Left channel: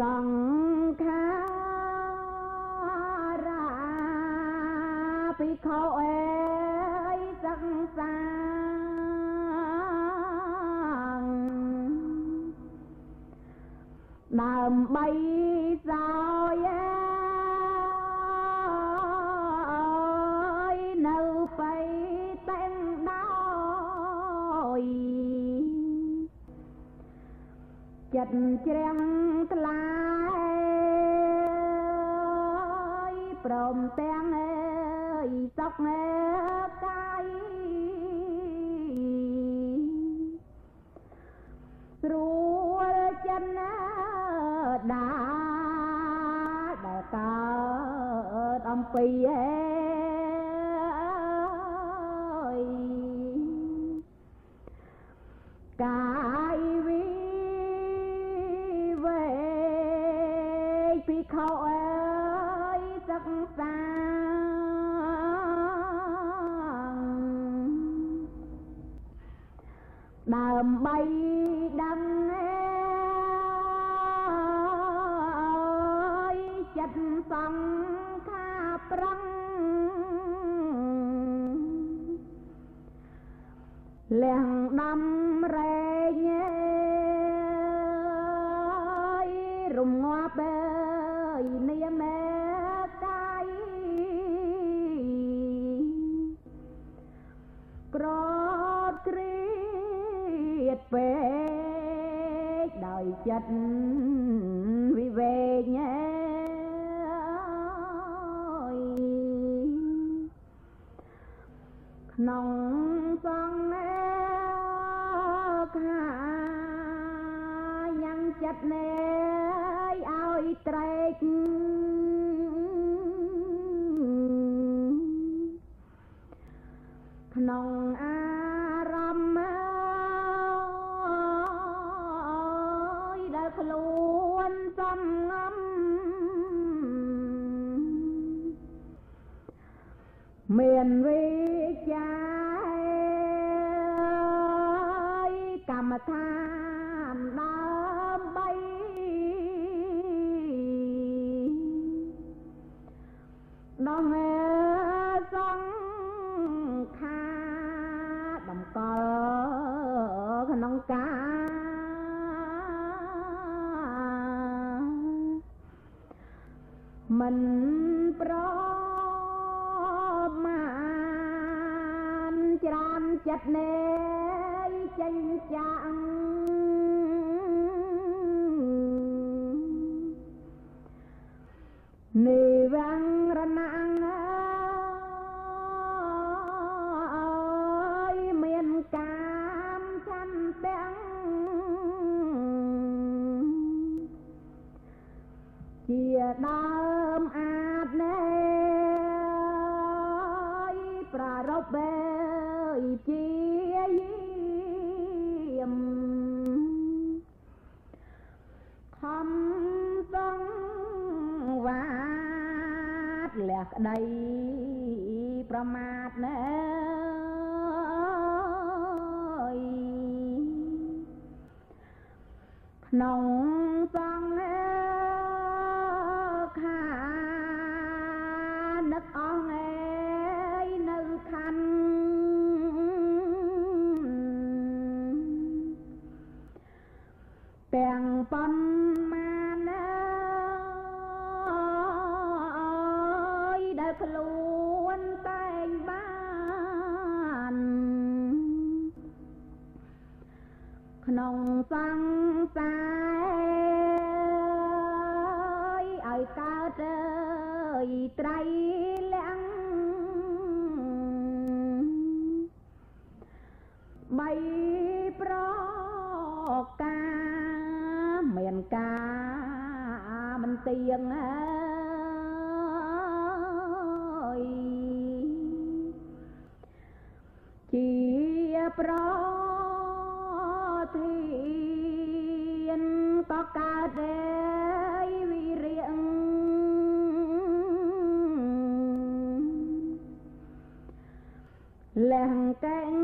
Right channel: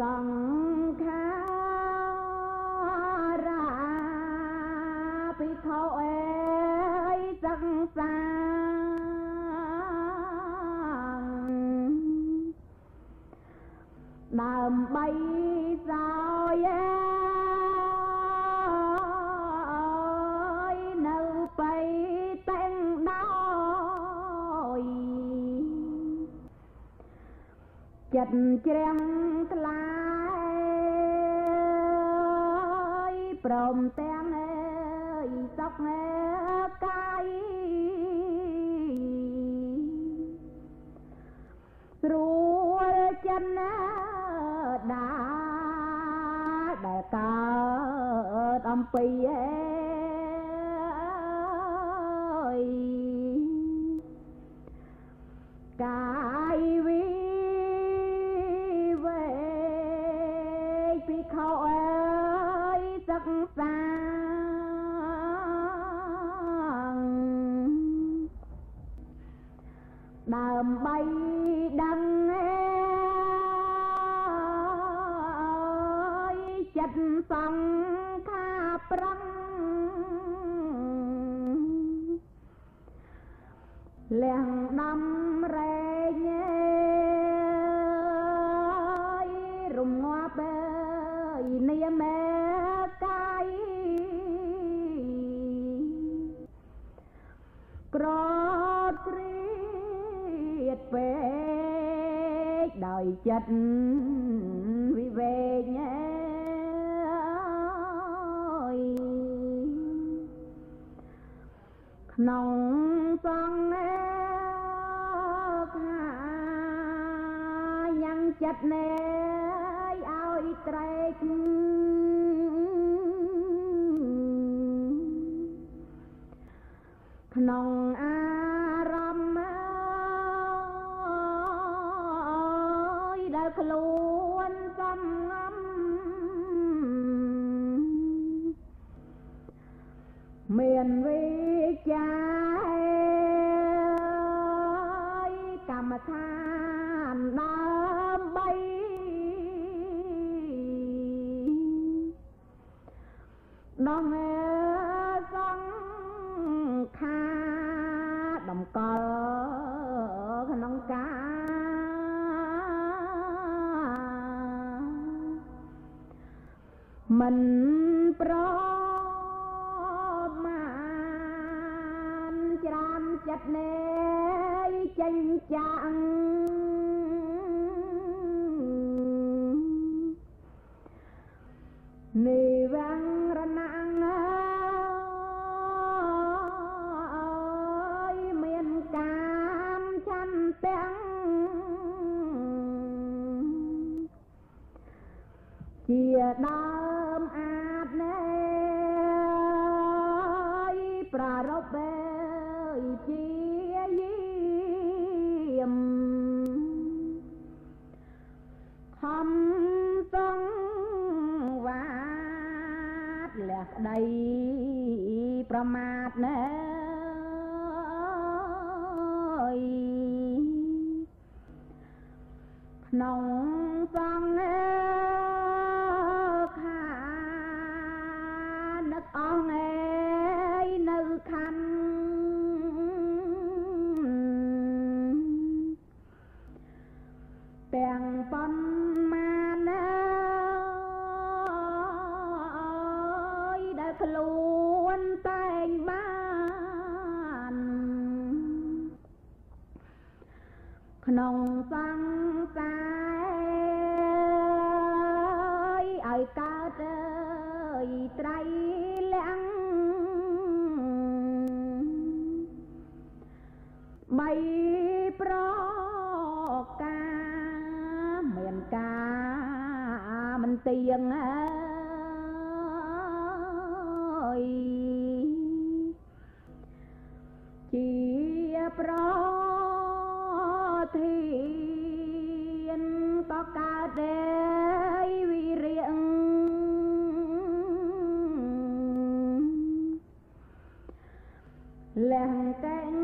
សង្ខារាភិក្ខុអើយសិក្សាដើម្បីសោយនៅបៃតែងដោយចិត្តជ្រាំងថ្លាព្រមទាំងសុខកាយស្រួលចិត្តណាដែលកើតអំពីកាយវិវេកភិក្ខុអើយសិក្សាដើម្បីដឹងចិត្តសង្ខារប្រឹងលះដំរែងរំងាប់នាមកាយក្រគ្រៀតពេកដោយចិត្តវិវេកក្នុងសង្ខារយ៉ាងចិត្តណែឲ្យត្រេកក្នុងអារម្មណ៍ដែលខ្លួនសំងំមានវិចារកម្មដ្ឋានដើម្បីនោះសង្ខារតម្កល់ក្នុងការមិនប្រច្រើនចិត្តណែចេញចាងនិវរណៈមានកាមឆន្ទៈជាដើមអាចណែប្រារព្ធជាយាមខំសង្វាតលះក្តីប្រមាទណែក្នុងសង្ខារនឹកអស់នៅខណ្ឌទាំងប៉ុន្មានដែលខ្លួនតែងបានក្នុងសង្សារឲ្យកើតត្រៃលក្ខណ៍បីប្រការមានការមិនទៀងជាប្រធានក៏កើតវិរិយលះកែង